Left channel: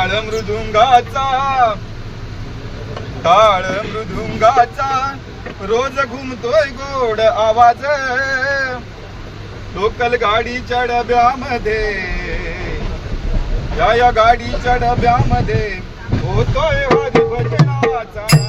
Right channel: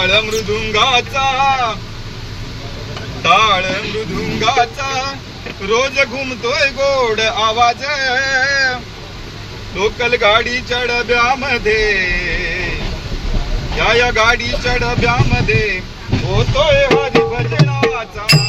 ताळ मृदुंगाचा ताळ मृदुंगाचा रोज घुमतोय गोड आवाज. लोकल गाडी चढब्या मध्ये या गाडी चढब्या मध्ये होतोय हरिभजनाचा.